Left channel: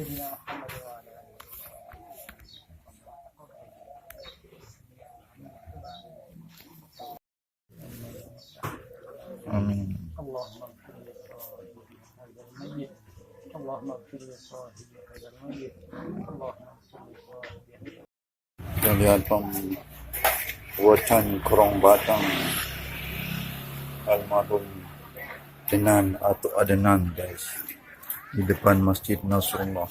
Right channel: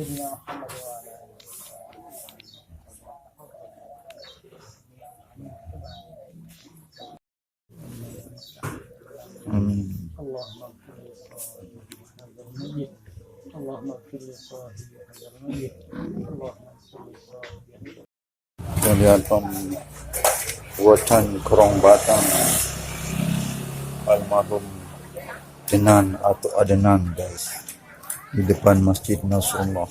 Kita lihat pembuatan kerong batang almarhum Adnan atau Adnan, guys, di depan Masjid Nasrullah.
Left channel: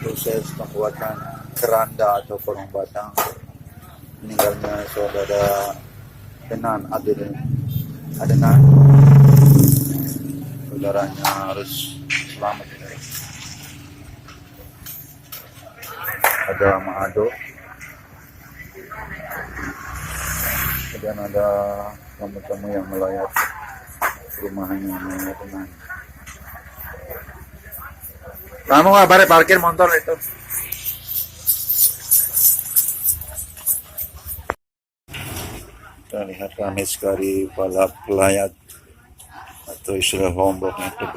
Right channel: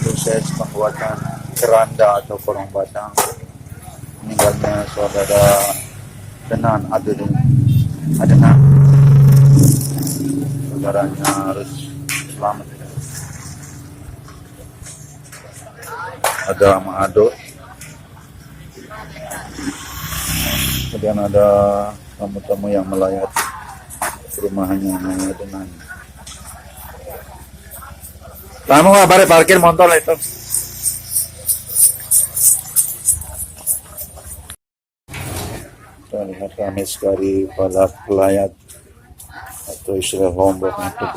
Proses pembuatan keranda atau kerong batang meninggalnya saudara Adnan Adnan saudara harus ada Ma'ado, kemudian ada tamu-tamu yang melayat rumahnya dengan tamu bare parkir motor itu. Kita lihat ramai sekali para pelayat atau istilah lombok untuk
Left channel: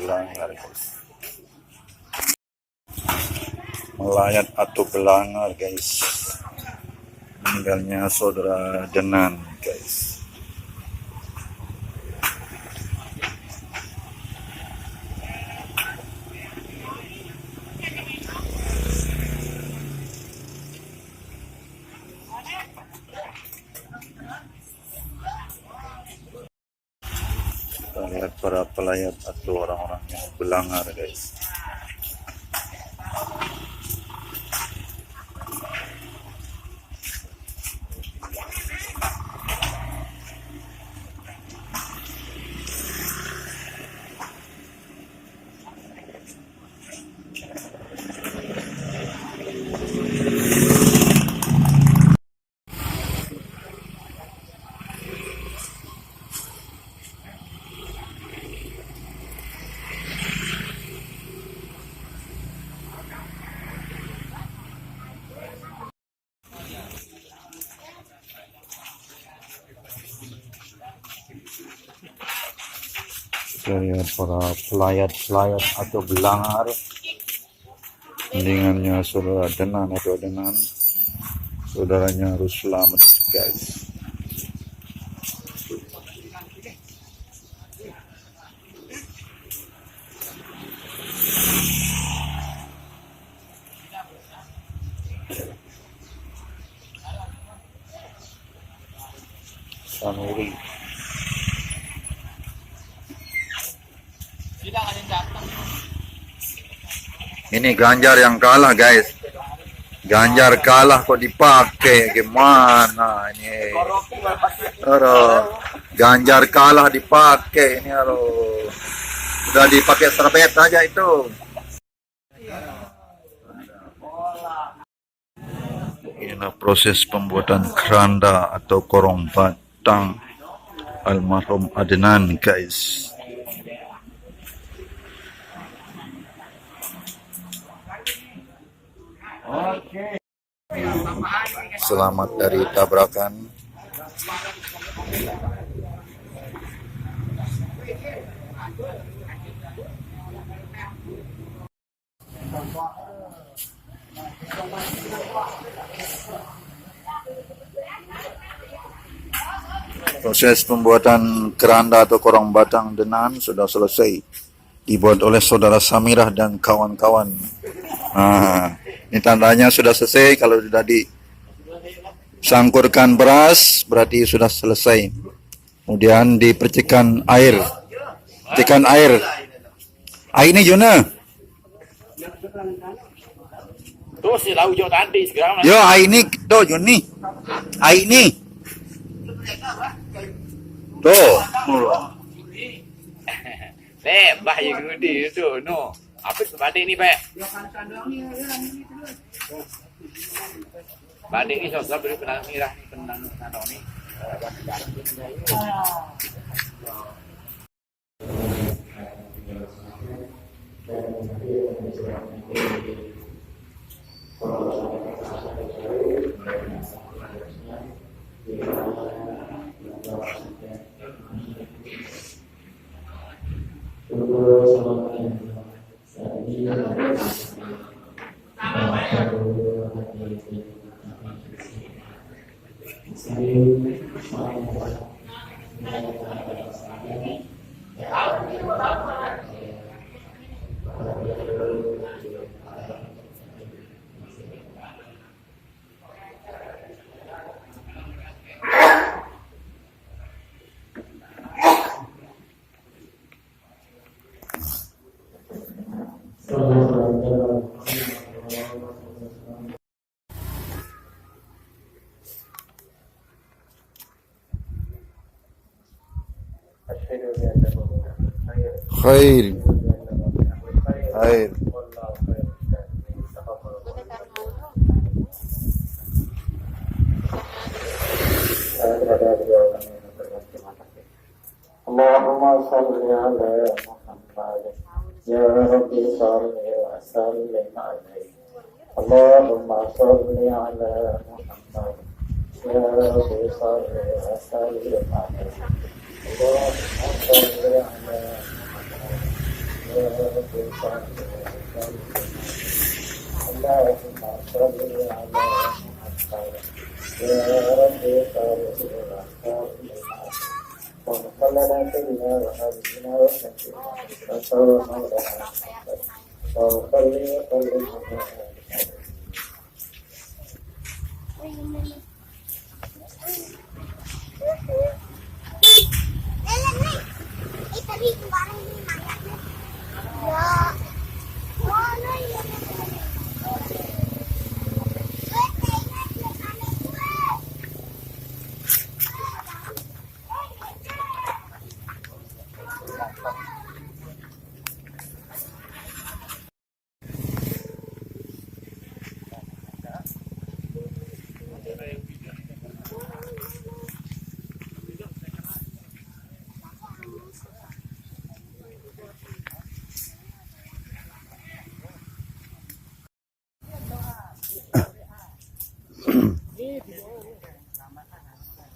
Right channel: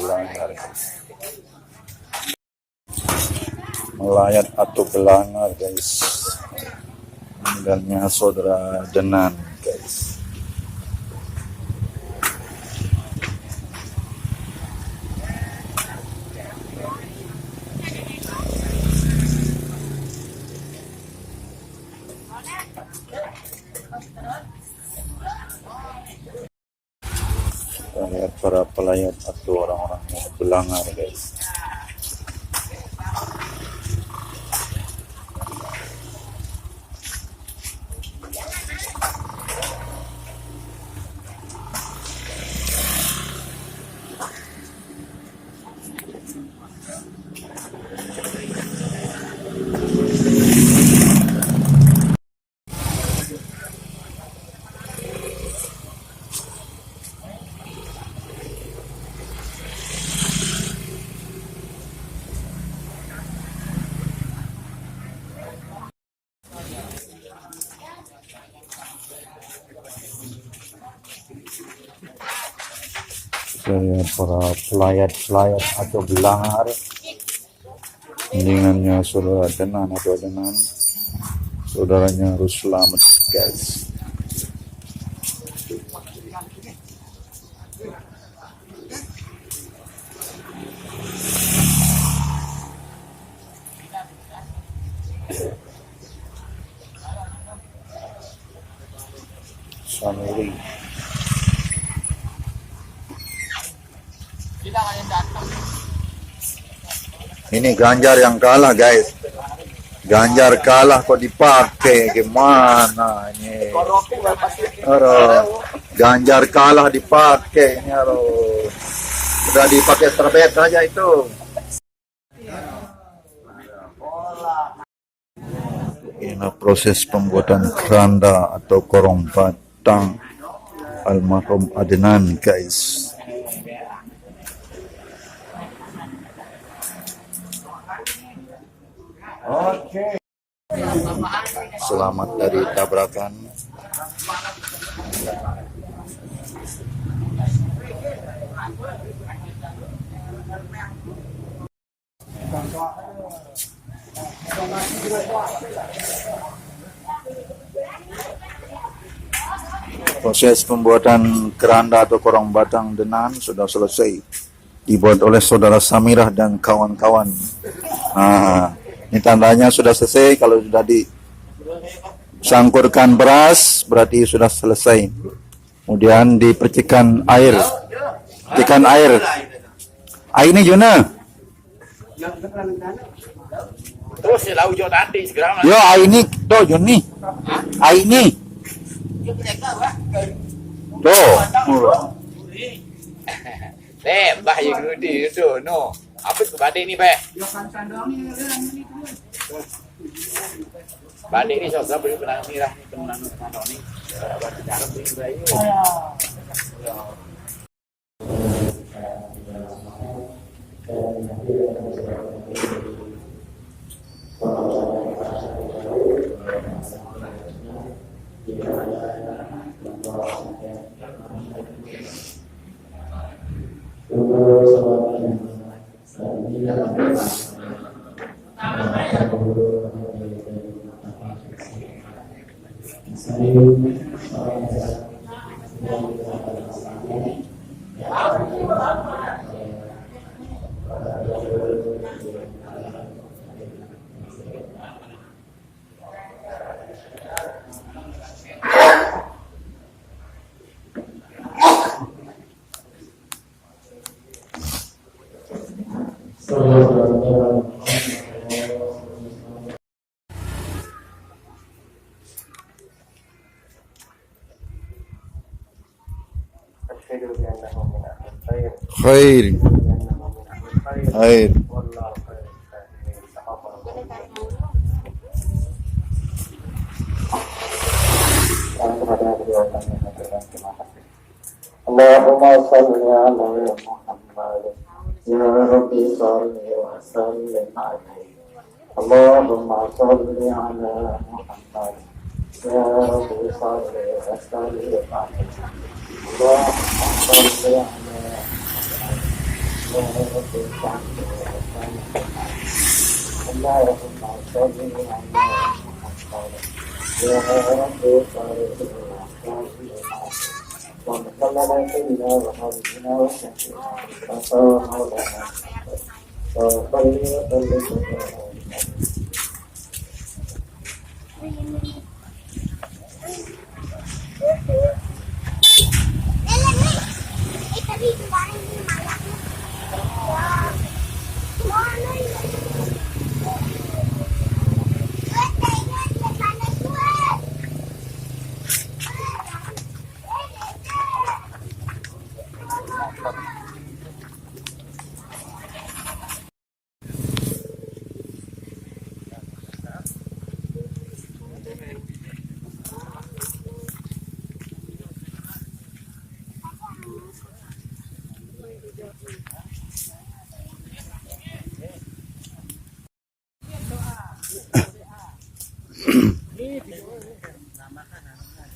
melayat atau belangar, guys, tinggalnya saudara Adnan, guys. Kita lihat para pelayat atau orang-orang belangar, guys. Saya para pelayat atau belangar mendingannya saudara Adnan atau Adnan, saudaranya harus selamat, guys. Ini Ganjar yang kalah, guys. Ganjar kalah kok dipakai, gimana nih? Ganjar kalah dipakai, udah dipakai serbet saja itu. Ini proses pembuatan keranda atau korong batang almarhum Adnan, guys. Selamat dari tabrakan. Proses pembuatan keranda atau korong batang Adnan sudah selesai, dibuat oleh saudara Samirah dan kawan-kawan. Ini tandanya sudah selesai. Kalau sudah disangkurkan beras berarti sudah selesai. Kemudian dipercikan air. Percikan air. Ini Jona. Terus ya tahu jo nanti segera. Yo, ini tuh Joni. Ini. Tuh. Mbah yang gede itu no. Apa badai ni, Pak? Badai ni susah beri benang merah ni, benang ni. Khair. Khair. Allahumma salli ala Muhammad ya Rabbi salli wa sallim alaihi. Allahumma salli ala Muhammad ya Rabbi salli wa sallim alaihi. Allahumma salli ala Muhammad ya Rabbi salli wa sallim alaihi. Allahumma salli ala Muhammad ya Rabbi salli wa sallim alaihi.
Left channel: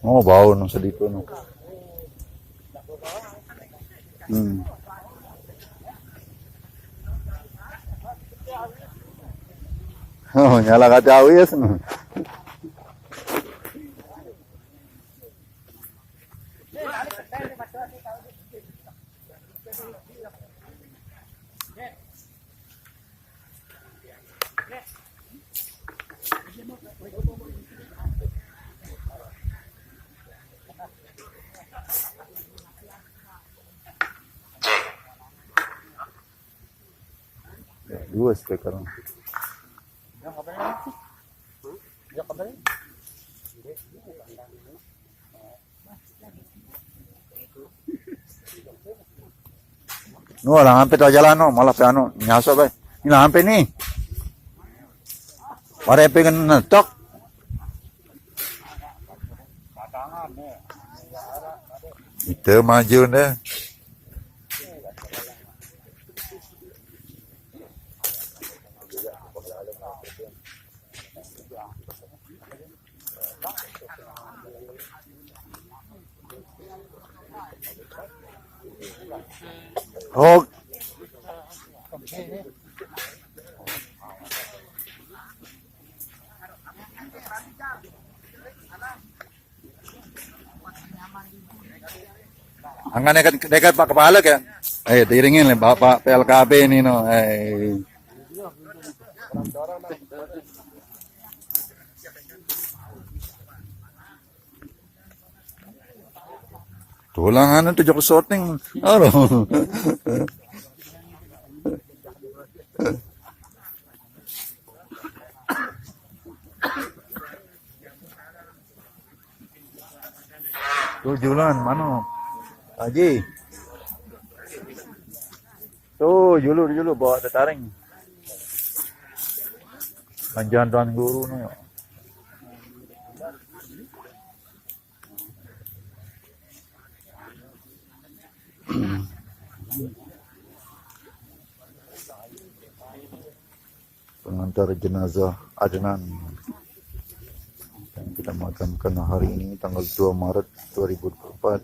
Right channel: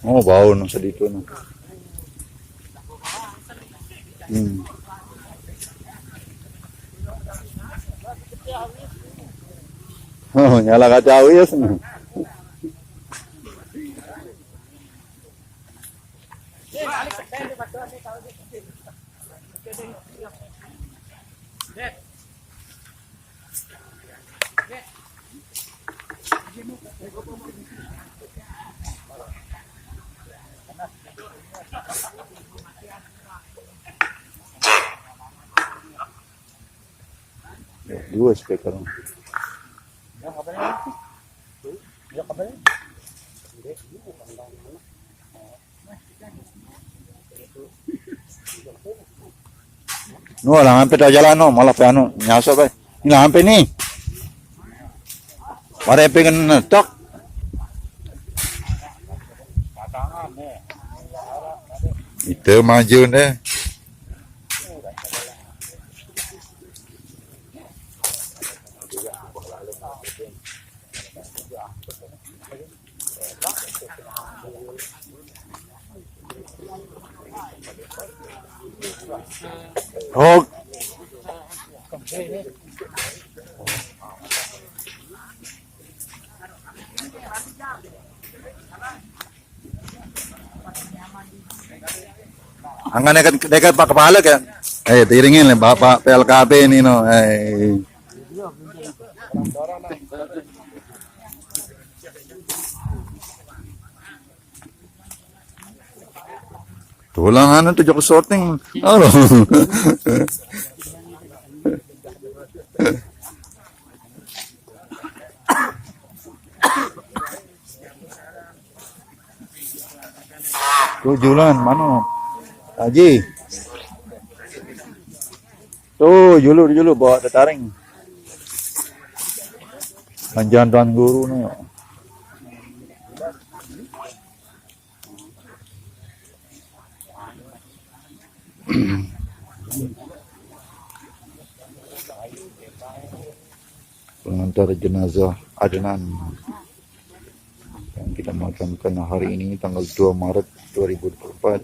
Oh, bau nasa dito. Oh, nyala ka daw, yes. Dua speaker. No, lang ampe daw jalan no, malah pe anu, nyaso pe. Ini lang ampe nih. Para pengen ngetok. Itu maju deh. Oh. Angkanya dekat Pak Kepala kan? Tiringin Bapak PLKP ini no. Tulangan itu jauh sorting. Oh. Tuh Julan mana? Haji. Tuh julu bawa tetaring. Panjang Tuan Guru nih. Pengantar jenazah Adnan yang kita makamkan hari ini tanggal 2 Maret 2024.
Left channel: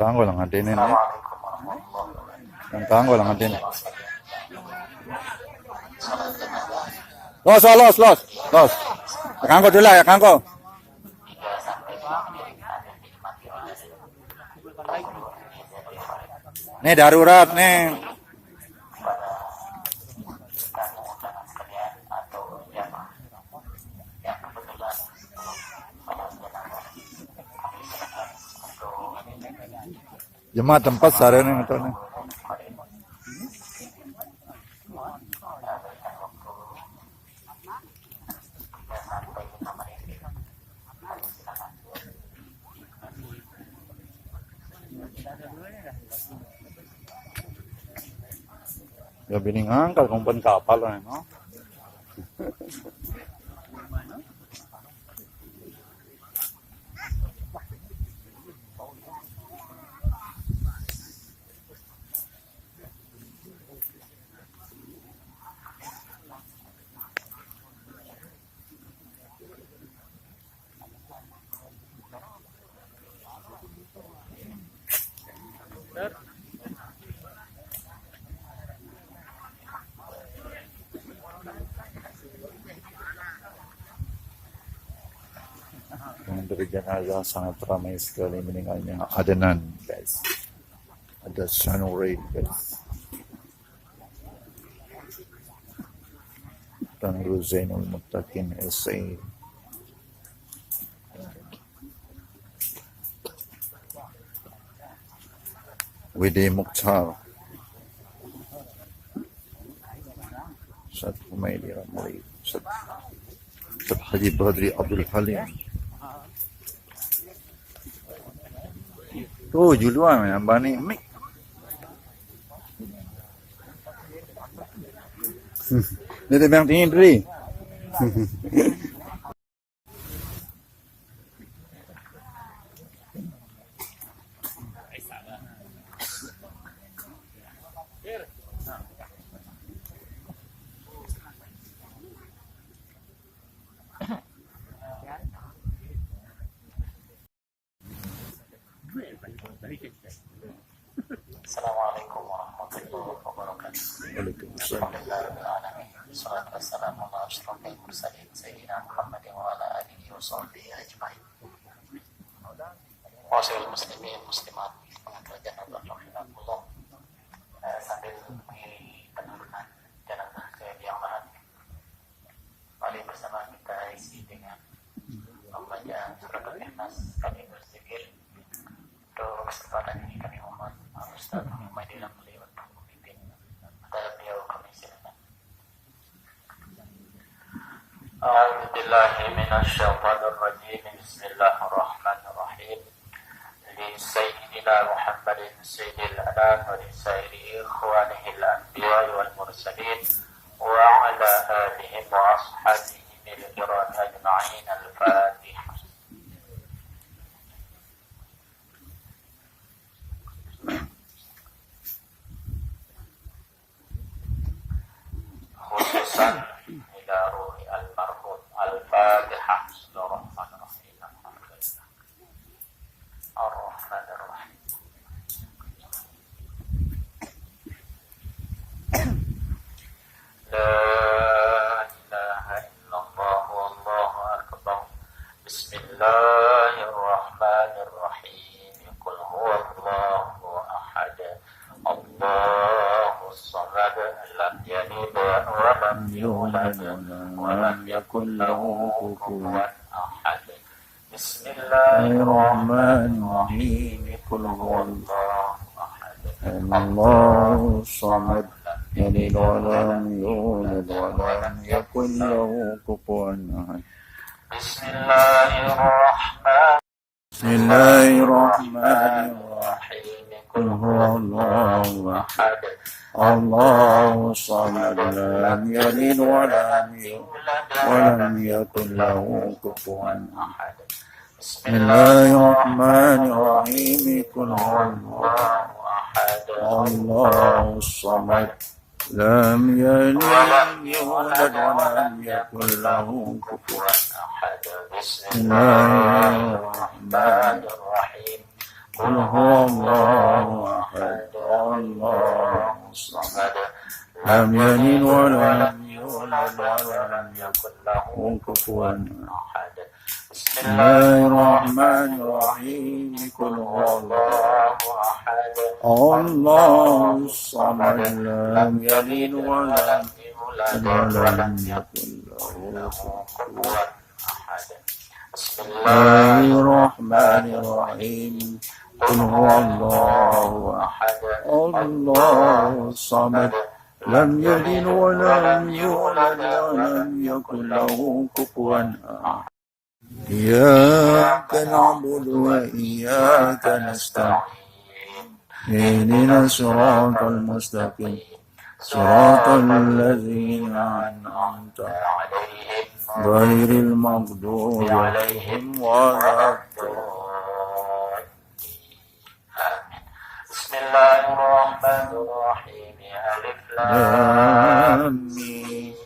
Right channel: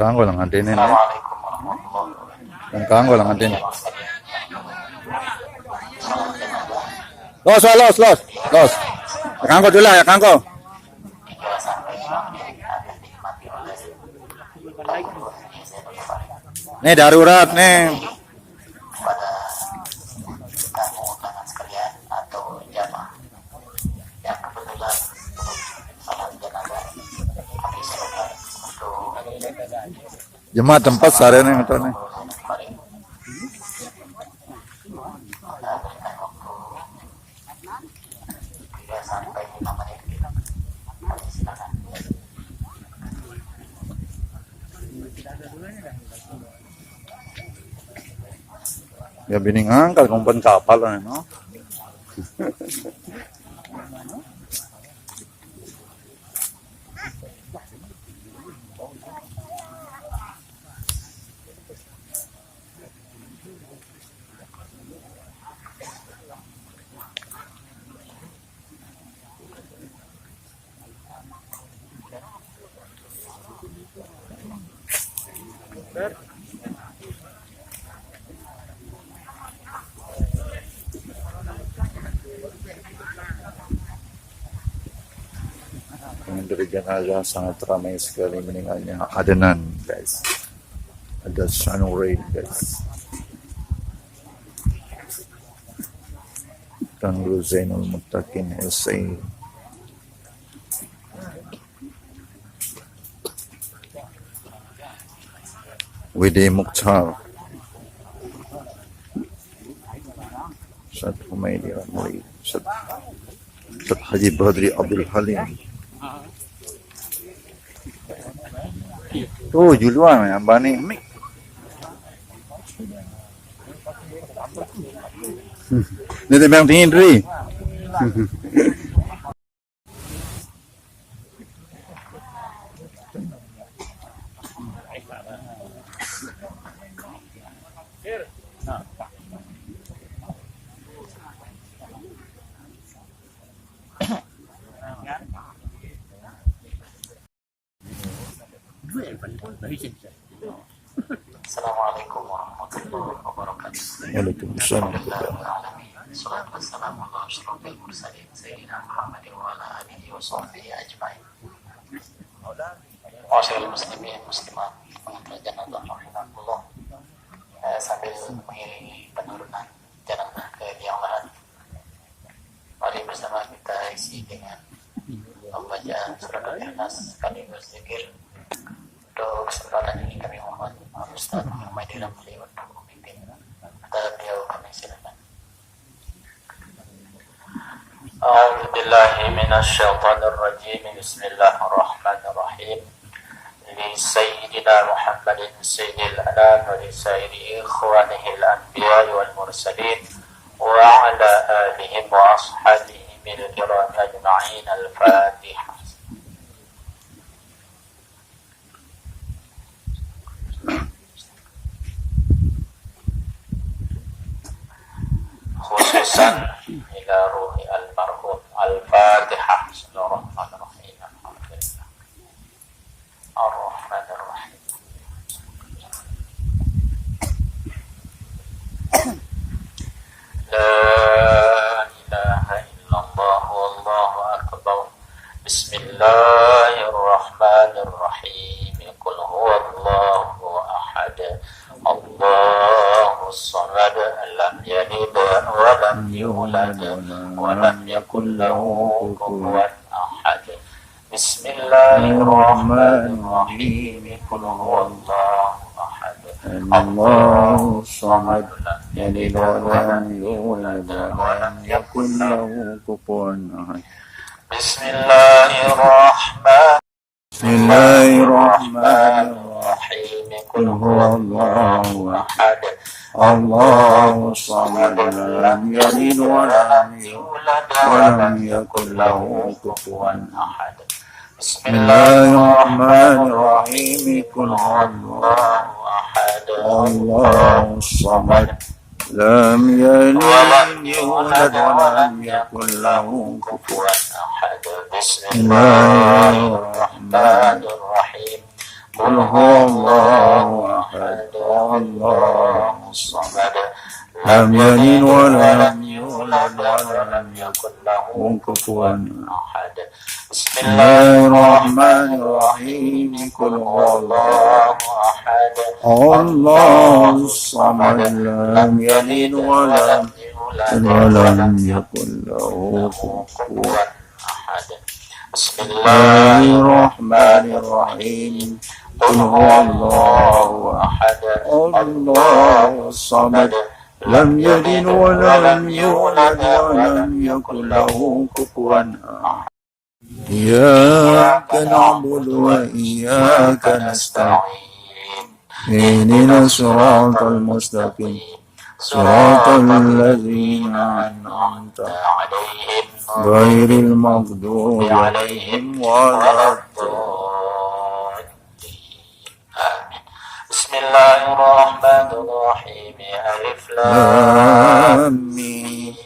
Ganggu lang ang dinin. Assalamualaikum warahmatullahi wabarakatuh. Ang ganggu lang ang dinin. Los. Ganggu dulu ya, ganggu. Nih darurat nih. Pada tamu undangan sekalian atau jamaah yang kebetulan salat jenazah kami silakan untuk Jemaah tempat seharian nih nih. kemarin sampai 5 menit. Silakan. Ya biningan kalau kumpan kapal lah, no? Dari jenazah sangat ramai sekali meninggalnya adenan, guys. Ada sunray, guys. Tanggul Zainul Muttaqin Hussein. Widi Mukhtar. Ustaz Humaydi Rahmuri. Ustaz Haji Badri Abdul Halim. Oh, di luar ya, Bani. Ini bang tinggi Dri. Assalamualaikum warahmatullahi wabarakatuh. Waalaikumsalam. Salatu wassalamu ala asyrafil mursalin sayyidina Muhammadin wa ala alihi wa sahbihi ajmain. Masyaallah muslimin muslimat pengantar jenazah rahimakumullah. Sambil mengiringi penurunan jenazah ke liang lahat, mari bersama kita isi dengan membaca surat Al-Ikhlas sekaligus zikir. Untuk kesempatan ini kami mohon Ustaz Muhammad Ramli untuk memimpin. Atas beliau kami silakan. A'udzu billahi minasy syaithanir rajim. Bismillahirrahmanirrahim. Li sayyidina Muhammadin sayyidil anam wa li sayyidi ikhwanihil anbiya wal mursalin wa ala alihi wa ashabihi min al-kiram ajma'in. Al-Fatihah. Khususan ila ruhi almarhum. Al-Fatihah. Bismillahirrahmanirrahim. Alhamdulillah. Ar-Rahmanirrahim. La ilaha illallah wallahu akbar. Bismillahirrahmanirrahim. Qul huwallahu ahad. Allahu samad. Lam yalid wa lam yulad wa lam yakul lahu kufuwan ahad. Bismillahirrahmanirrahim. Qul huwallahu ahad. Allahu samad. Lam yalid wa lam yulad wa lam yakul lahu Kupuan ahad. Bismillahirrahmanirrahim. Qul huwallahu ahad. Allahu samad. Lam yalid wa lam yulad wa lam yakul lahu kufuwan ahad. Bismillahirrahmanirrahim. Qul huwallahu ahad. Allahu samad. Lam yalid ولم يولد ولم يكن له كفوا أحد. بسم الله الرحمن الرحيم. قل هو الله أحد الله الصمد لم يلد ولم يولد ولم يكن له كفوا أحد بسم الله الرحمن الرحيم قل هو الله أحد الله الصمد لم يلد ولم يولد ولم يكن له كفوا أحد بسم الله الرحمن الرحيم قل هو الله أحد الله الصمد لم يلد ولم يولد ولم يكن له كفوا أحد إياك نعبد وإياك نستعين اهدنا الصراط المستقيم صراط الذين أنعمت عليهم غير المغضوب عليهم ولا الضالين آمين بسم الله الرحمن الرحيم ألف لام ميم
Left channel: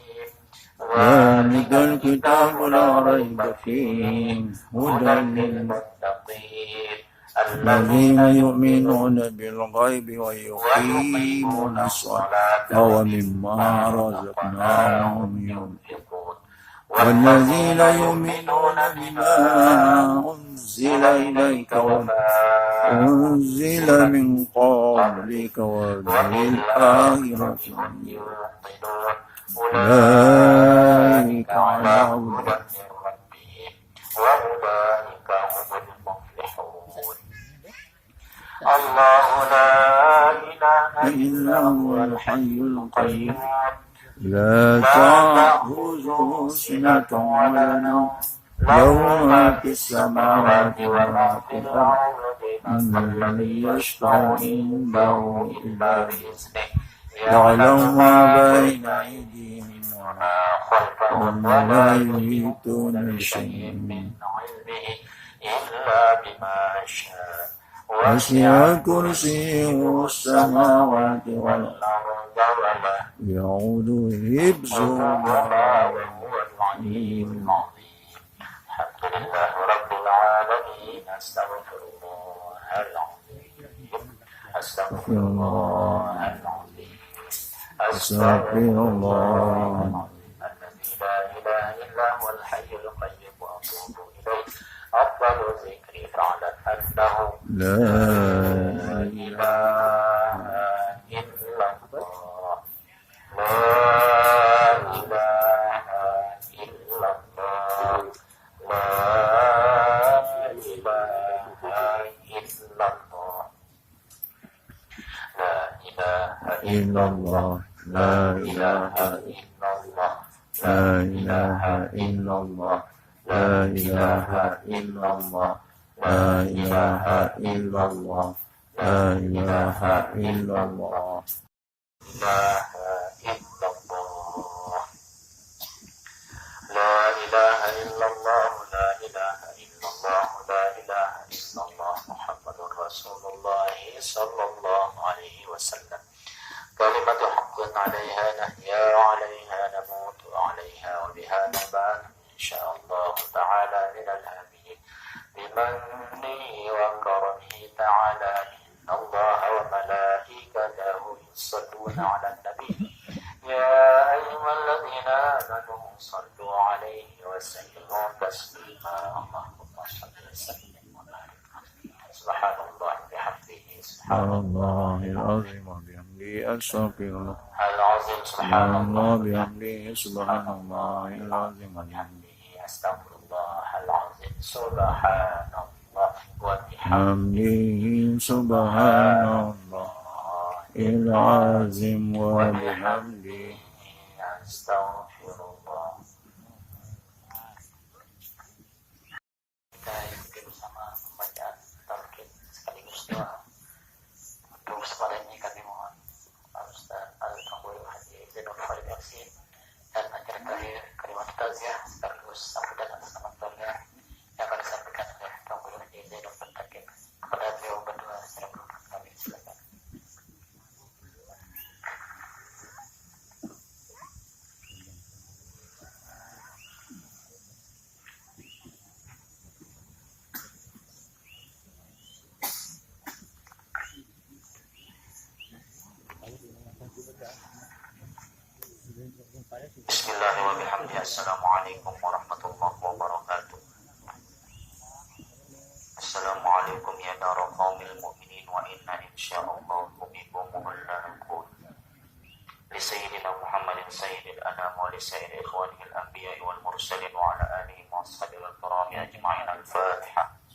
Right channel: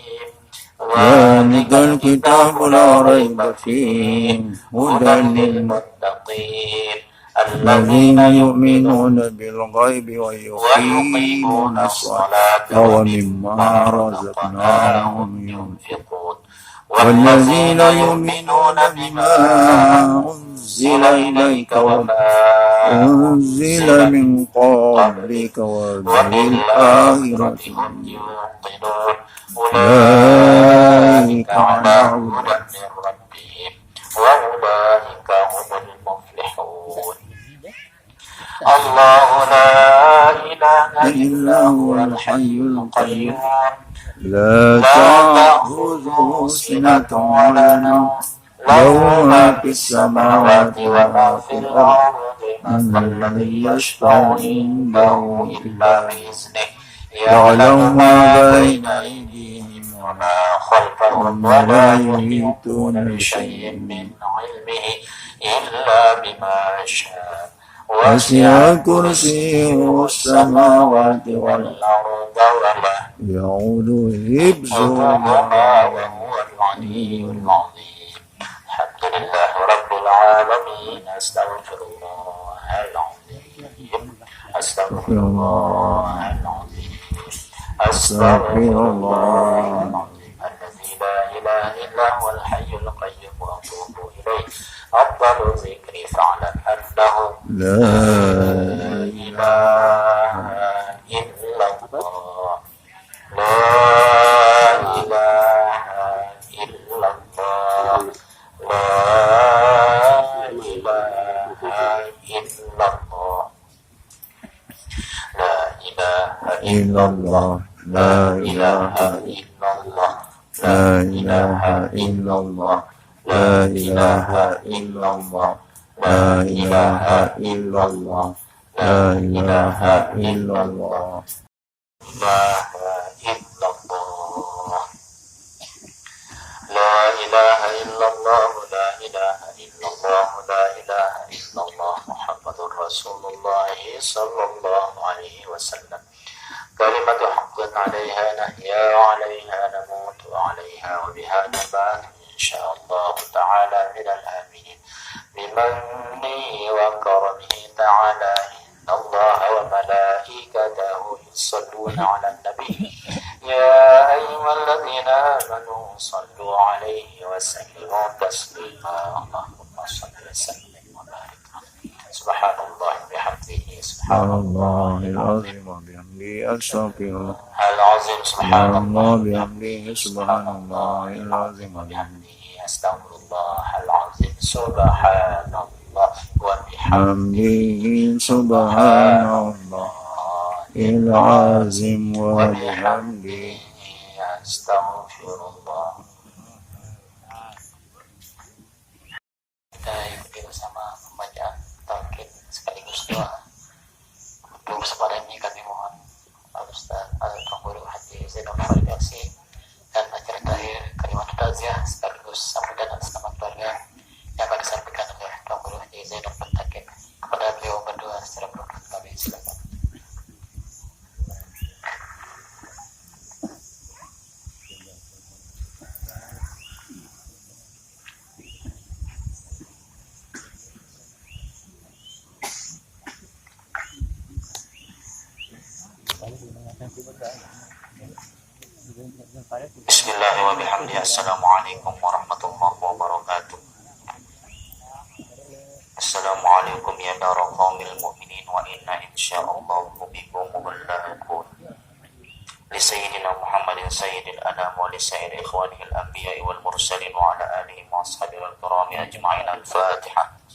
ذلك الكتاب لا ريب فيه هدى للمتقين الذين يؤمنون بالغيب ويقيمون الصلاة ومما رزقناهم ينفقون والذين يؤمنون بما أنزل إليك وما أنزل من قبلك وبالآخرة هم يوقنون أولئك على هدى من ربهم وأولئك هم المفلحون الله لا إله إلا هو الحي القيوم لا تأخذه سنة ولا نوم له ما في السماوات وما في الأرض من ذا الذي يشفع عنده إلا بإذنه يعلم ما بين أيديهم وما خلفهم ولا يحيطون بشيء من علمه إلا بما شاء وسع كرسيه السماوات والأرض ولا يعود حفظهما وهو العلي العظيم الحمد لله رب العالمين أستغفر الله العظيم أستغفر الله العظيم أستغفر الله العظيم الذي لا إله إلا هو الحي القيوم وأتوب إليه أفضل ذكري فاعلم أنه لا إله إلا الله لا إله إلا الله لا إله إلا الله لا إله إلا الله لا إله إلا الله لا إله إلا الله لا إله إلا الله لا إله إلا الله لا إله إلا الله لا إلا الله لا إله إلا الله لا إله إلا الله لا إله إلا الله محمد رسول الله صلى الله عليه وسلم كلمة حق عليها نحيا وعليها نموت وعليها وبها نبات إن شاء الله تعالى من الآمنين بمنه وكرمه تعالى إن الله وملائكته يصلون على النبي يا أيها الذين آمنوا صلوا عليه وسلموا تسليما اللهم صل وسلم وبارك عليه سبحان الله بحمده سبحان الله العظيم وبحمده أستغفر العظيم سبحان الله بحمده سبحان الله العظيم وبحمده أستغفر الله العظيم سبحان الله وبحمده سبحان الله العظيم وبحمده أستغفر الله. Kita ikuti bersama pembacaan tauhid sekaligus doa. Untuk kesempatan ini kami mohon Al-Ustaz Al-Tangguru Haji Zainal Farisi dan acara terakhir kalimat taziah sekaligus sambutan atas nama keluarga yang akan disampaikan oleh Tangguru Haji Zainal Farisi. Kepada beliau berdua secara berdoa kami silakan. Bismillahirrahmanirrahim. Assalamualaikum warahmatullahi wabarakatuh. Assalamualaikum ya dara qaumil mu'minin wa inna insya'allahu bikum muballaghun. Li sayyidina Muhammadin sayyidil anam wa li sayyidi ikhwanihil anbiya'i wal mursalin wa ala alihi wa ashabihi al-kirami ajma'in. Al-Fatihah.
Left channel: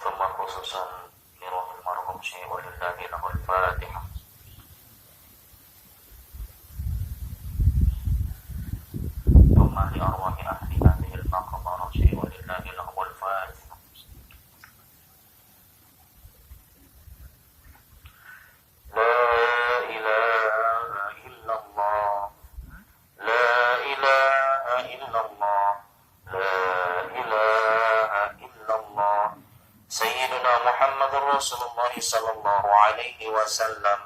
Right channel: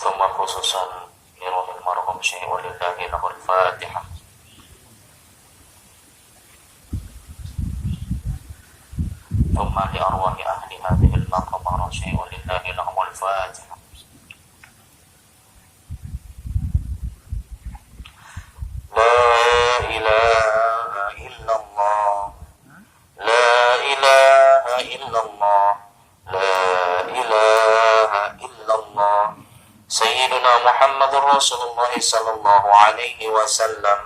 ثم خصوصا لروح المرحوم شيء ولله له الفاتحة. ثم لأرواح أهل هذه المقبرة شيء ولله لهم الفاتحة. لا إله إلا الله، لا إله إلا الله، لا إله إلا الله. سيدنا محمد رسول الله صلى الله عليه وسلم.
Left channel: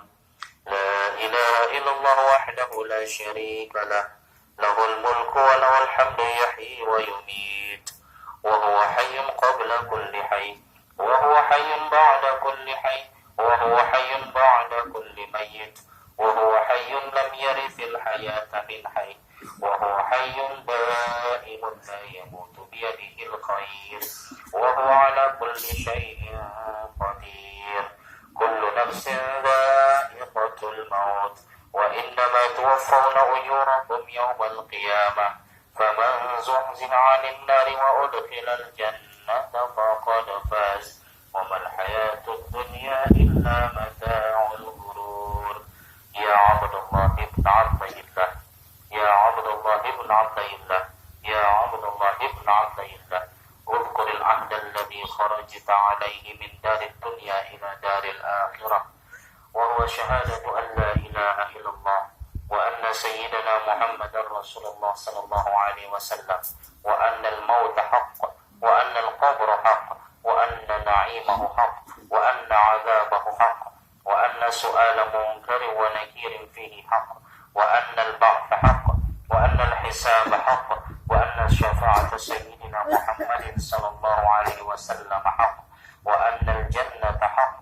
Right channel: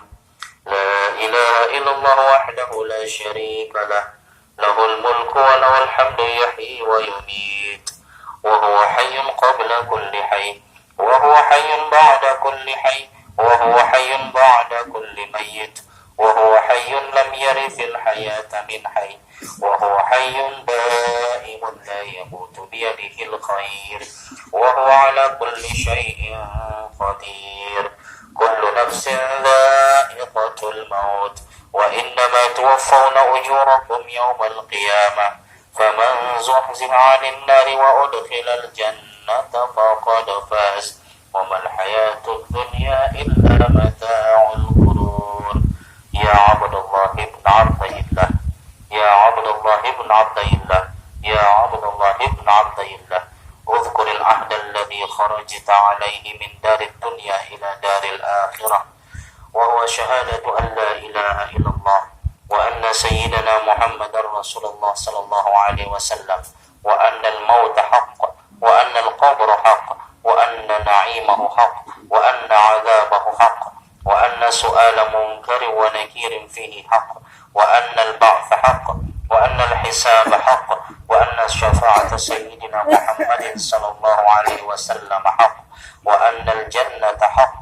لا إله إلا الله وحده لا شريك له، له الملك وله الحمد يحيي ويميت، وهو حي قبل كل حي، وهو حي بعد كل حي، وهو حي بعد كل ميت، وهو حي لم يرث الحياة من حي، وهو حي دائم لا يموت بيده الخير، وهو على كل شيء قدير. كل نفس ذائقة الموت، وإنما توفون أجوركم يوم القيامة، فمن زحزح عن النار وأدخل الجنة فقد فاز، وما الحياة الدنيا إلا متاع الغرور. يا عبد الله بن عبد الله، يا عبد الله بن عبد الله، يا عبد الله بن عبد الله، اذكر العهد الذي خرجت عليه من دار الدنيا إلى دار الآخرة، وهو شهادة أن لا إله إلا الله، وأن سيدنا محمد رسول الله صلى الله عليه وسلم، وأن الموت حق، وأن القبر حق، وأن نعيمه حق، وأن عذابه حق، وأن سؤال منكر ونكير فيه حق، وأن البعث حق، وأن الحساب حق، وأن شفاعة سيدنا محمد صلى الله عليه وسلم حق، وأن الجنة حق،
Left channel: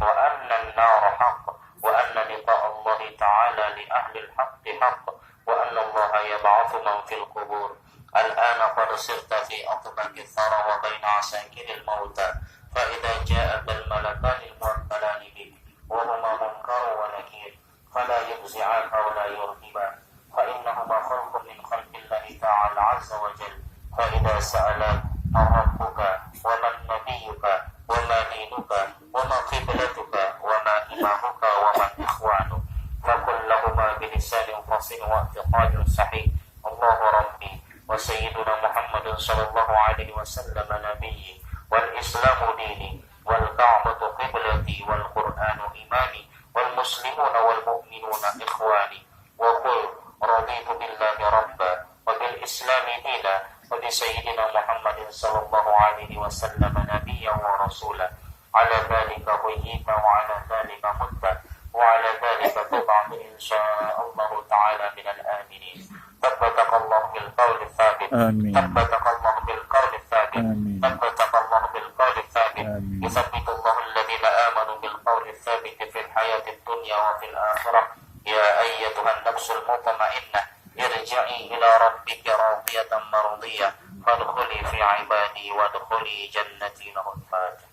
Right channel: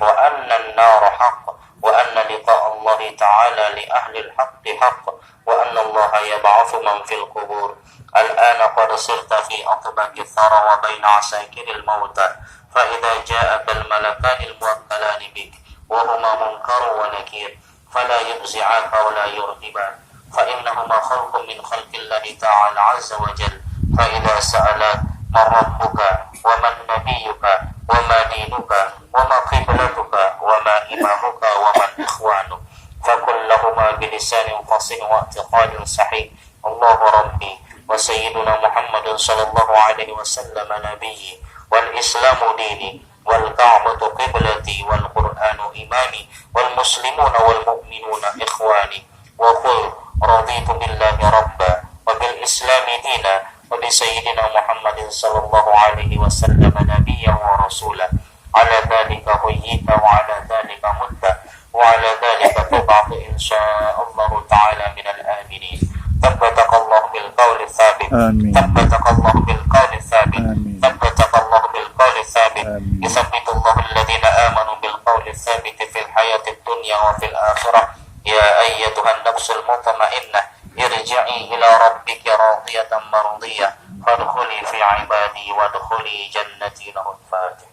وأن النار حق، وأن لقاء الله تعالى لأهل الحق حق، وأن الله يبعث من في القبور. الآن قد صرت في أطبق الثرى وبين عساكر الموتى، فإذا جاءك الملكان الموكلان بك وهما منكر ونكير فلا يفزعاك ولا يرهباك، فإنهما خلق من خلق الله تعالى عز وجل. فإذا سألك من ربك ومن نبيك وما دينك وما قبلتك وما إمامك ومن إخوانك، فقل لهما بلسان فصيح واعتقاد صحيح الله ربي وسيدنا محمد صلى الله عليه وسلم نبيي، والإسلام ديني، والكعبة قبلتي، والقرآن إمامي، والمسلمون والمؤمنون إخواني. وقل رضيت بالله ربا وبالإسلام دينا وبسيدنا محمد صلى الله عليه وسلم نبيا ورسولا. على ذلك حييت وعلى ذلك مت وعلى ذلك تبعث إن شاء الله تعالى من الآمنين. ثبتك الله بالقول الثابت، ثبتك الله بالقول الثابت، ثبتك الله بالقول الثابت. يثبت الله الذين آمنوا بالقول الثابت في الحياة الدنيا وفي الآخرة. يا أيتها النفس المطمئنة ارجعي إلى ربك راضية مرضية فادخلي في عبادي وادخلي جنتي. له الفاتحة.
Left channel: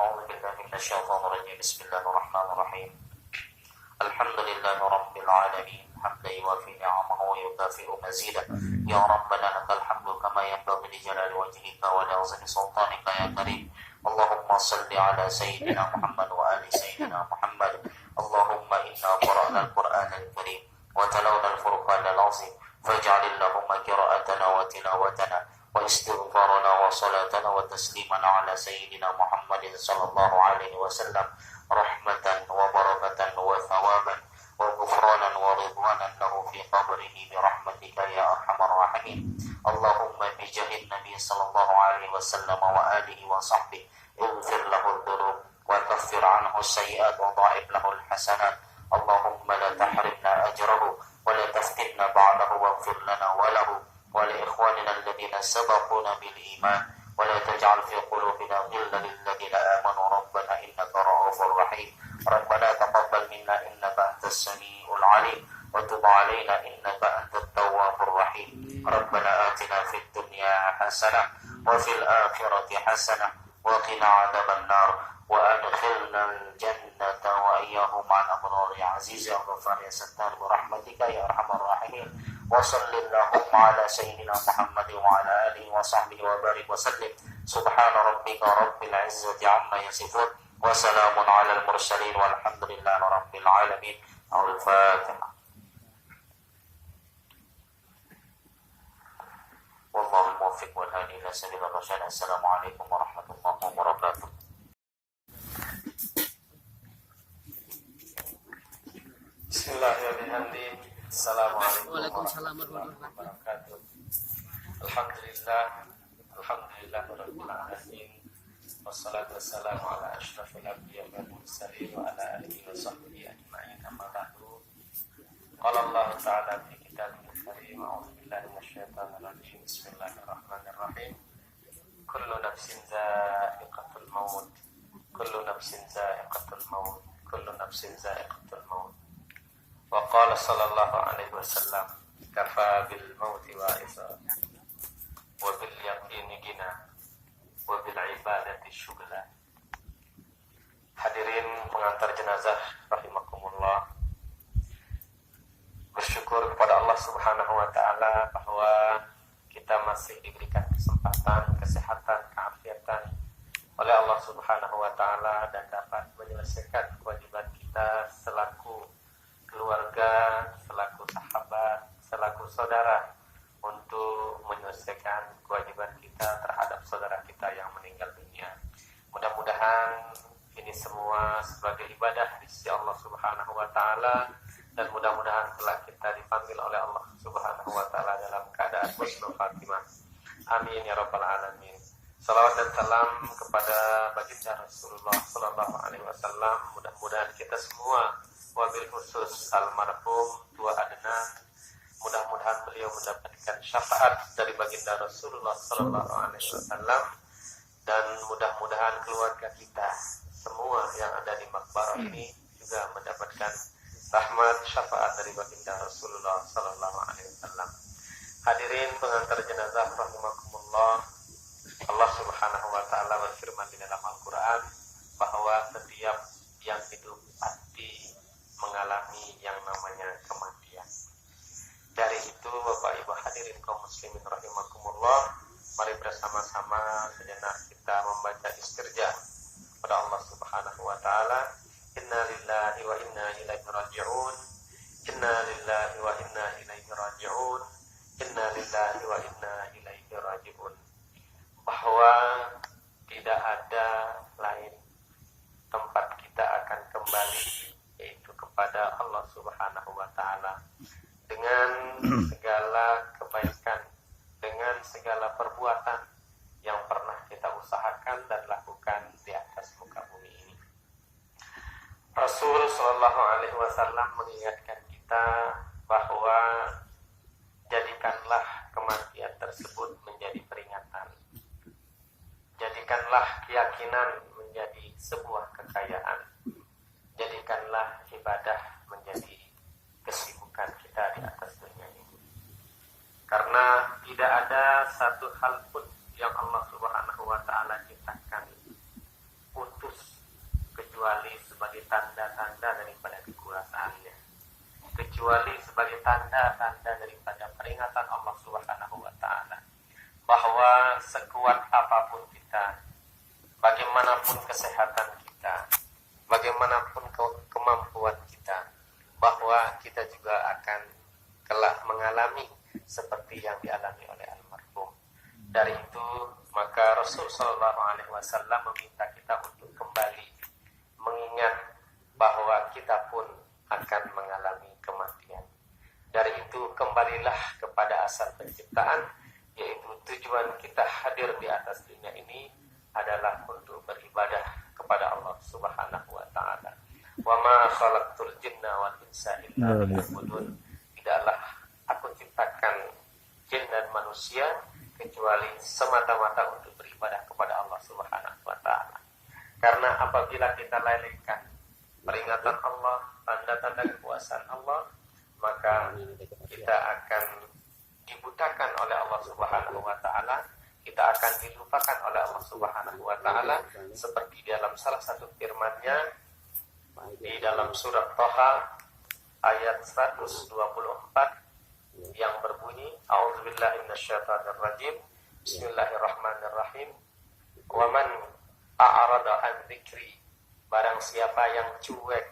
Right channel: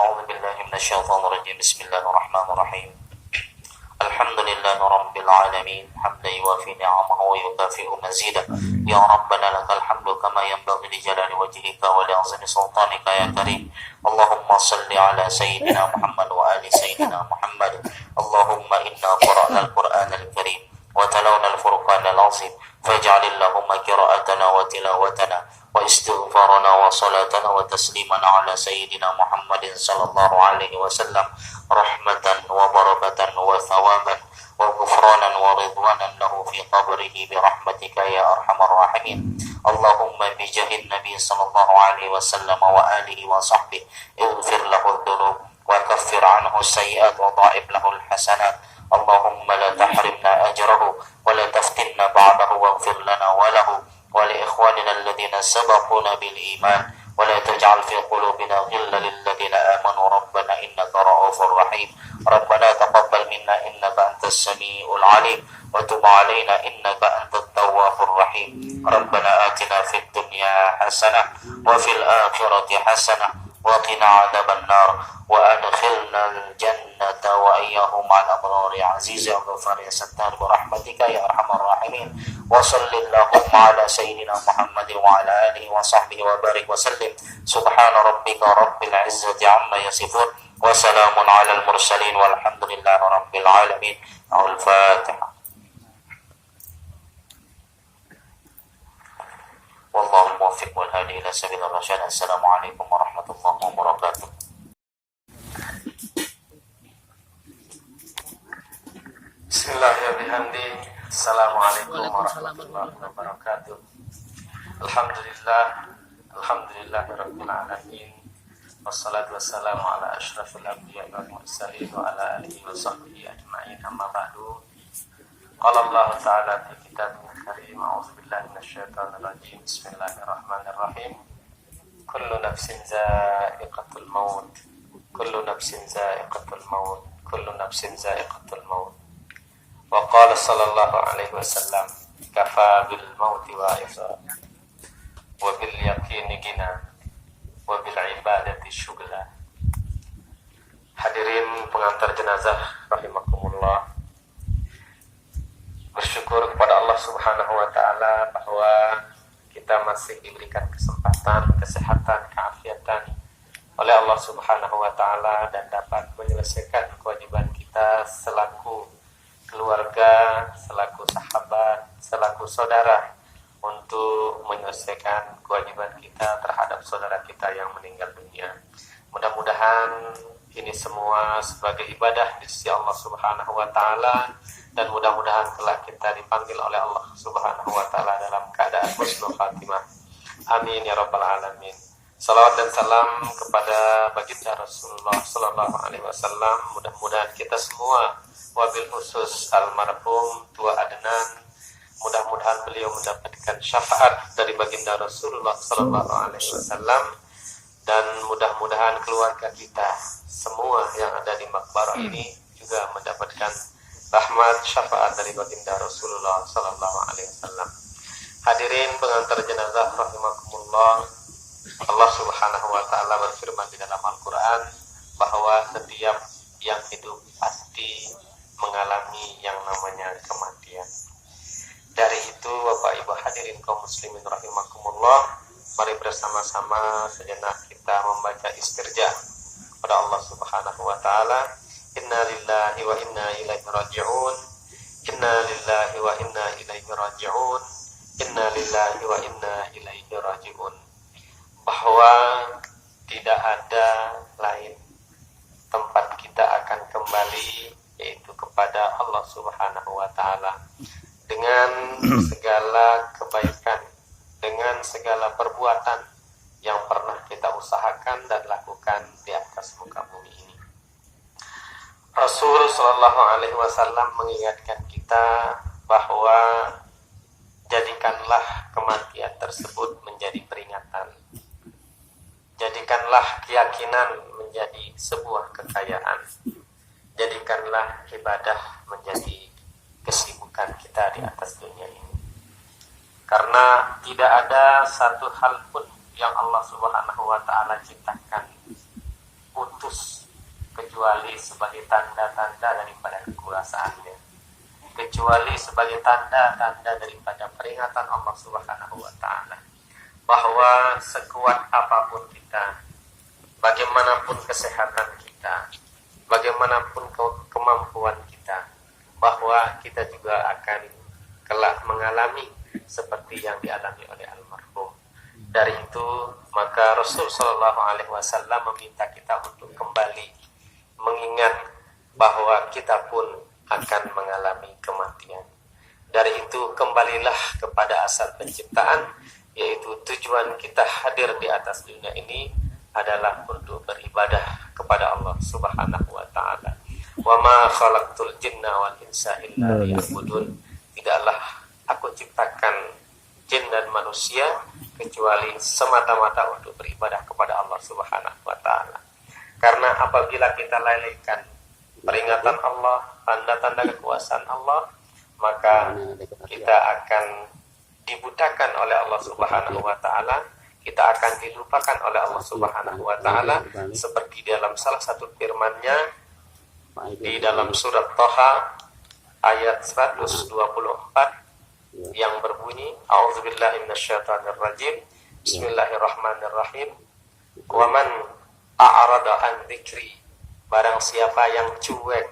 أعوذ بالله من الشيطان الرجيم. بسم الله الرحمن الرحيم. الحمد لله رب العالمين حمدا يوافي نعمه ويكافئ مزيدا. يا ربنا لك الحمد كما ينبغي لجلال وجهك ولعظم سلطانك يا كريم. اللهم صل على سيدنا محمد وآل سيدنا محمد. اللهم إنا قرأنا القرآن الكريم وتلونا الفرقان العظيم، فاجعل اللهم قراءتنا وتلاوتنا واستغفارنا وصلاتنا وتسليمنا على سيدنا محمد صلى الله عليه وسلم رحمة وبركة وثوابا وغفرانا ورضوانا له في قبره برحمتك يا أرحم الراحمين. اللهم بجاه النبي صلى الله عليه وسلم وآله وصحبه اغفر له الذنوب وكفر عنه السيئات وضاعف له الحسنات. اللهم لا تحرمنا أجره ولا تفتنا بعده واغفر لنا وله ولإخواننا وإخواننا الذين سبقونا بالإيمان ولا تجعل في قلوبنا غلا للذين آمنوا ربنا إنك رؤوف رحيم ربنا تقبل منا إنك أنت السميع العليم وتب علينا إنك أنت التواب الرحيم ربنا آتنا في الدنيا حسنة وفي الآخرة حسنة وقنا عذاب النار وأدخلنا الجنة وإياهم مع الأبرار يا عزيز يا غفار يا ستار برحمتك يا أرحم الراحمين وصل اللهم على سيدنا محمد وعلى آله وصحبه وبارك وسلم سبحان ربك رب العزة عما يصفون وسلام على المرسلين والحمد لله رب العالمين الفاتحة والله الموفق والهادي إلى سبيل الرشاد السلام عليكم ورحمة الله وبركاته Bismillahirrahmanirrahim. Assalamualaikum warahmatullahi wabarakatuh. Alhamdulillahirabbil alamin. Wassalatu wassalamu ala asyrafil anbiya'i wal mursalin wa ala alihi wa sahbihi ajma'in. Amma ba'du. Qala Allah ta'ala fi kitabihil karim. A'udzu billahi minasyaitonir rajim. Bismillahirrahmanirrahim. Kullu nafsin za'iqatul maut. Kullu nafsin za'iqatul maut. Kullu nafsin za'iqatul maut. Wa qala sallallahu alaihi wasallam kafa bil mauti wa'iza wa bil yaqini gina wa bil ibadati syughla. Hadirin pengantar jenazah rahimakumullah, bersyukur kepada Allah Subhanahu wa taala bahwa kita masih diberikan kesempatan, kesehatan, keafiatan oleh Allah Subhanahu wa taala dan dapat menyelesaikan kewajiban kita selaku keluarga, selaku sahabat, selaku saudara untuk menyelesaikan kewajiban kita terhadap saudara kita yang meninggal dunia. Mudah-mudahan ini semua sebagai ibadah di sisi Allah Subhanahu wa taala dan mudah-mudahan kelak kita dipanggil oleh Allah Subhanahu wa taala dalam keadaan husnul khatimah. Amin ya rabbal alamin. Salawat dan salam kepada baginda Rasulullah sallallahu alaihi wasallam. Mudah-mudahan kita semua, wabil khusus almarhum Tua Adnan, mudah-mudahan beliau mendapatkan syafaat dari baginda Rasulullah sallallahu alaihi wasallam dan mudah-mudahan keluarga kita semua yang ada di makbarah ini juga mendapatkan rahmat syafaat dari baginda Rasulullah sallallahu alaihi wasallam. Hadirin pengantar jenazah rahimakumullah, Allah Subhanahu wa taala berfirman di dalam Al-Qur'an bahwa setiap yang hidup pasti mengalami yang namanya kematian. Dari itu Bapak Ibu hadirin kaum muslimin rahimakumullah, mari bersama-sama sejenak kita membaca istirja kepada Allah Subhanahu wa taala. Inna lillahi wa inna ilaihi raji'un. Inna lillahi wa inna ilaihi raji'un. Inna lillahi wa inna ilaihi raji'un. Bahwa tidak ada lain tempat kita akan kembali yaitu kepada Allah Subhanahu wa taala dengan segala kebaikan, dengan segala perbuatan yang pernah kita usahakan dan lakukan di atas muka bumi ini. Rasul sallallahu alaihi wasallam mengingatkan kita bahwa jadikanlah kematian tersebut menjadi peringatan. Jadikanlah keyakinan menjadi sebuah kekayaan. Jadikanlah ibadah menjadi kesibukan kita di atas dunia ini. Karena tidak ada satu hal pun yang Allah Subhanahu wa taala ciptakan putus kecuali sebagai tanda-tanda daripada kekuasaannya. Kecuali sebagai tanda-tanda daripada peringatan Allah Subhanahu wa taala bahwa sekuat apapun kita, bagaimanapun kesehatan kita, bagaimanapun kemampuan kita, bahwa kita juga akan kelak mengalami seperti yang dialami oleh almarhum. Dari itu maka Rasul sallallahu alaihi wasallam meminta kita untuk kembali mengingat bahwa kita pun akan mengalami kematian. Dari itu kembalilah kepada asal penciptaan, yaitu tujuan kita hadir di atas dunia ini adalah untuk beribadah kepada Allah Subhanahu wa taala. Wa ma khalaqtul jinna wal insa illa liya'budun. Tidaklah aku ciptakan jin dan manusia kecuali semata-mata untuk beribadah kepada Allah Subhanahu wa taala. Karena apabila kita lalaikan peringatan Allah, tanda-tanda kekuasaan Allah, maka kita akan dibutakan oleh Allah Subhanahu wa taala, kita akan dilupakan oleh Allah Subhanahu wa taala, seperti dalam salah satu firman-Nya di dalam surat Thaha ayat 124 yang berbunyi, A'udzubillahi minasyaitonirrajim, Bismillahirrahmanirrahim, wa man a'rada an dzikri, barang siapa yang cuek,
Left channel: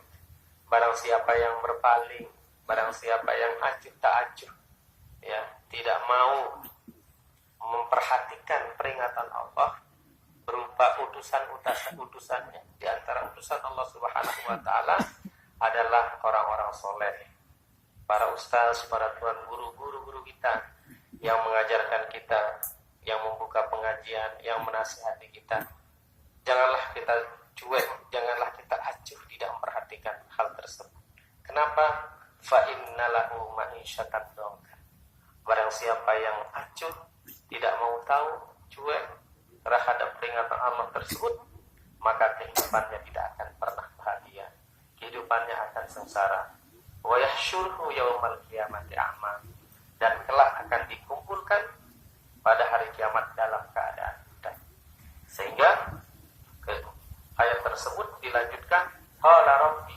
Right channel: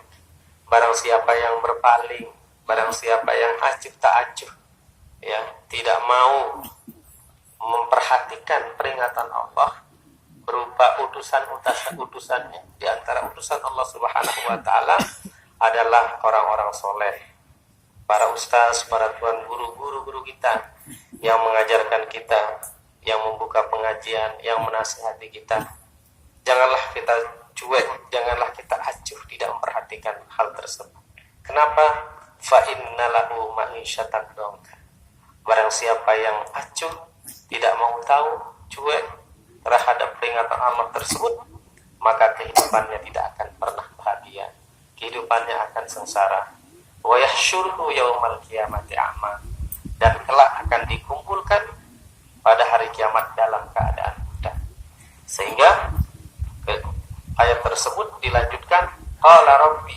barang siapa yang berpaling, barang siapa yang acuh tak acuh, ya, tidak mau memperhatikan peringatan Allah berupa utusannya. Di antara utusan Allah Subhanahu wa taala adalah orang-orang soleh, para ustaz, para tuan guru kita yang mengajarkan kita, yang membuka pengajian, yang menasihati kita. Janganlah kita cuek, janganlah kita acuh tidak memperhatikan hal tersebut. Kenapa? Fa innalahu ma'isyatan dongka. Barang siapa yang acuh, tidak mau tahu, cuek terhadap peringatan Allah tersebut, maka kehidupannya tidak akan pernah bahagia. Kehidupannya akan sengsara. Wa yahsyuruhu yaumal qiyamati a'ma, dan kelak akan dikumpulkan pada hari kiamat dalam keadaan buta. Sehingga ayat tersebut dilanjutkan, qala rabbi.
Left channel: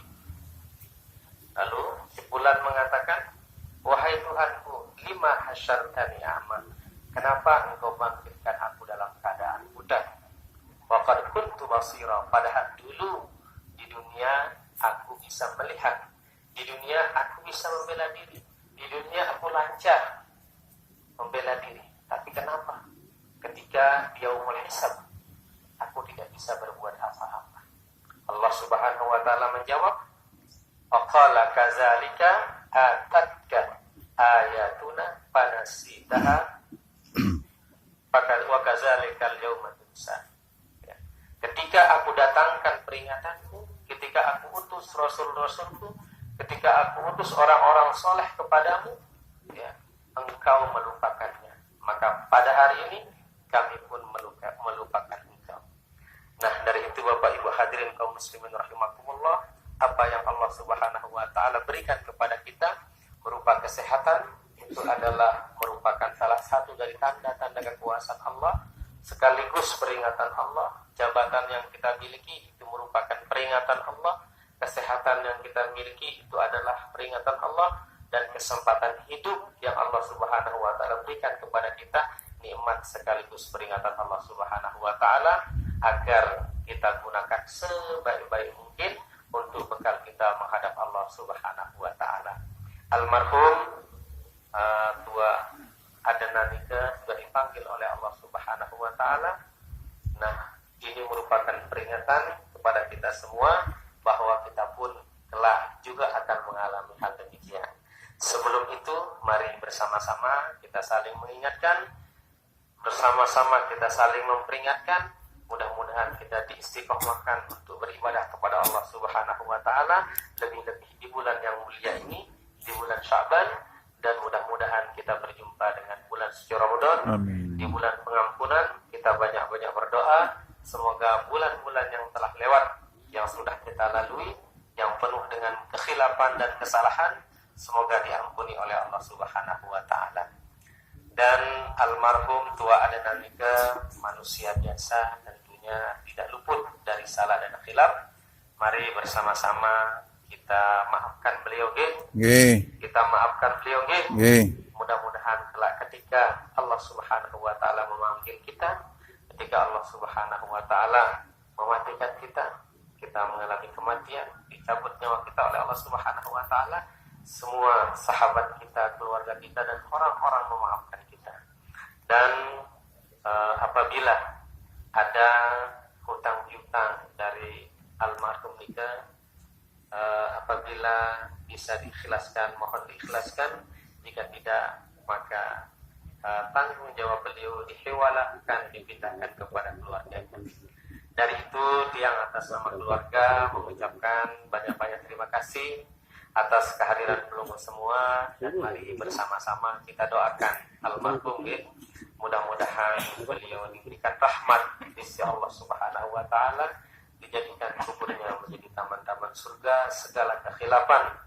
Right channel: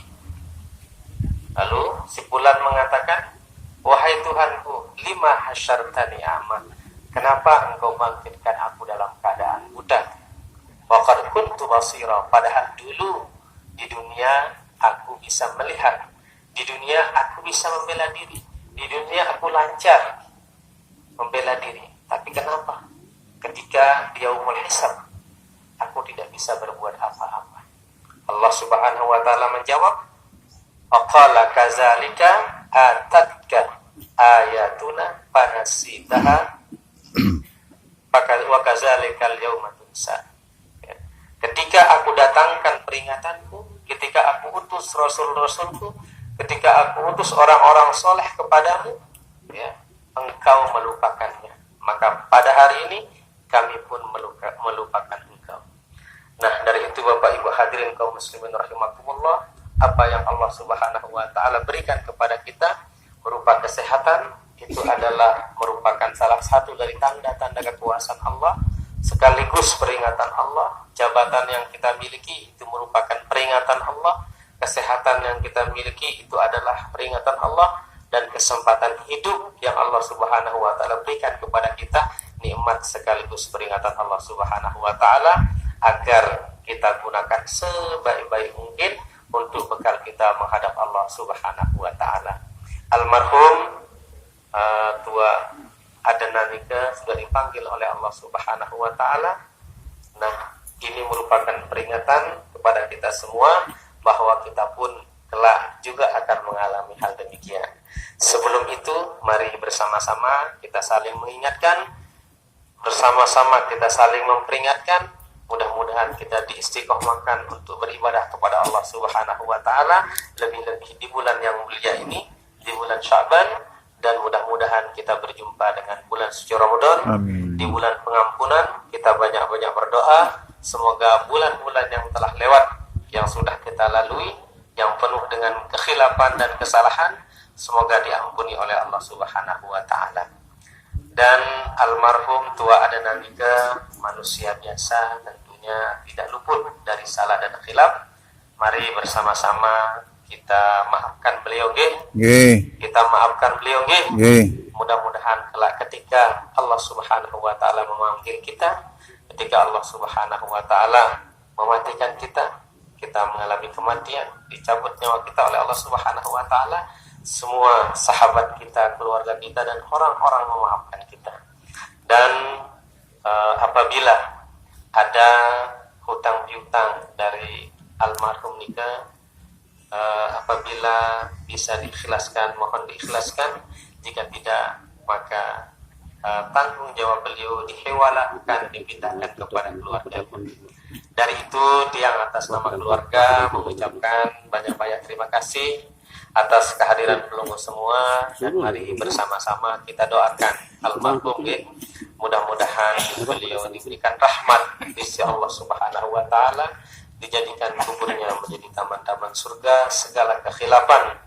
Lalu si fulan mengatakan, wahai Tuhanku, lima hasyartani a'ma, kenapa engkau bangkitkan aku dalam keadaan buta? Wa qad kuntu basira, padahal dulu di dunia aku bisa melihat, di dunia aku bisa membela diri, di dunia aku lancar membela diri. Tapi kenapa ketika di yaumul hisab aku tidak bisa berbuat apa-apa? Allah Subhanahu wa taala menjawab, aqala kazalika atatka ayatuna fanasitaha wa kazalikal yauma tunsa. Ketika aku datangkan peringatanku, ketika aku utus rasul-rasulku, ketika aku utus orang-orang soleh kepadamu, ya, engkau melupakannya. Maka pada hari ini kami pun melupakan engkau. Nah, dari itu Bapak Ibu hadirin kaum muslimin rahimakumullah, apa yang Allah Subhanahu wa taala berikan kepada kita berupa kesehatan, itu adalah merupakan salah satu dari tanda-tanda kekuasaan Allah, sekaligus peringatan Allah. Jabatan yang kita miliki itu merupakan peringatan Allah, kesehatan yang kita miliki itu adalah peringatan Allah, dan kesempatan hidup yang Allah Subhanahu wa taala berikan kepada kita nikmat sekaligus peringatan Allah Subhanahu wa taala, agar kita gunakan sebaik-baik mungkin untuk bekal kita menghadap Allah Subhanahu wa taala. Almarhum Tua Adnan Nika sudah dipanggil oleh Allah Subhanahu wa taala. Nah, ini merupakan peringatan kepada kita semua bahwa kita pun kelak juga akan mengalami hal demikian. Sebelum itu, mari bersama-sama kita saling mengingatkan, bersama-sama kita saling memperingatkan. Mudah-mudahan kita diistiqomahkan untuk beribadah kepada Allah Subhanahu wa taala, lebih-lebih di bulan yang mulia ini, di bulan Sya'ban, dan mudah-mudahan kita berjumpa dengan bulan suci Ramadan. Di bulan pengampunan kita banyak-banyak berdoa, semoga bulan-bulan yang telah lewat, yang sudah kita lalui, yang penuh dengan kekhilafan dan kesalahan, semoga diampuni oleh Allah Subhanahu wa taala. Dan almarhum Tua Adnan Nika manusia biasa, tentunya tidak luput dari salah dan khilaf. Mari bersama-sama kita maafkan beliau, kita maafkan beliau, Mudah-mudahan kelak ketika Allah Subhanahu wa taala memanggil kita, ketika Allah Subhanahu wa taala mematikan kita mengalami kematian, dicabut nyawa kita oleh Allah Subhanahu wa taala, semua sahabat kita, keluarga kita, dan orang-orang memaafkan kita. Dan apabila ada hutang piutang dari almarhum Nika, apabila bisa diikhlaskan, mohon diikhlaskan. Jika tidak, maka tanggung jawab beliau dihewalakan, dipindahkan kepada keluarga. Dari itu, tiang atas nama keluarga mengucapkan banyak-banyak terima kasih atas kehadiran pelunggu semua, dan mari bersama-sama kita doakan almarhum ya. Mudah-mudahan beliau diberikan rahmat di sisi Allah Subhanahu wa taala, dijadikan kuburnya menjadi taman-taman surga, segala kekhilafan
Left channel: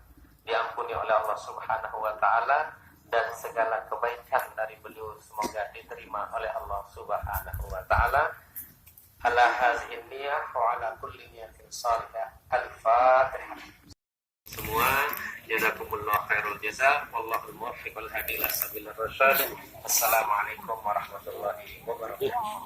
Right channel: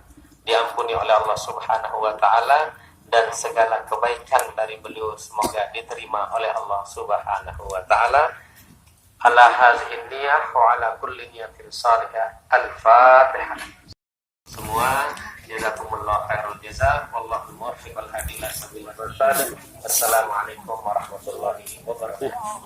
diampuni oleh Allah Subhanahu wa taala, dan segala kebaikan dari beliau semoga diterima oleh Allah Subhanahu wa taala. Ala hadhihi niyyah wa ala kulli niyatin salihah. Al-Fatihah. Semua jazakumullah khairul jazaa, wallahul muwaffiq wal hadi ila sabilir rasyad. Assalamualaikum warahmatullahi wabarakatuh.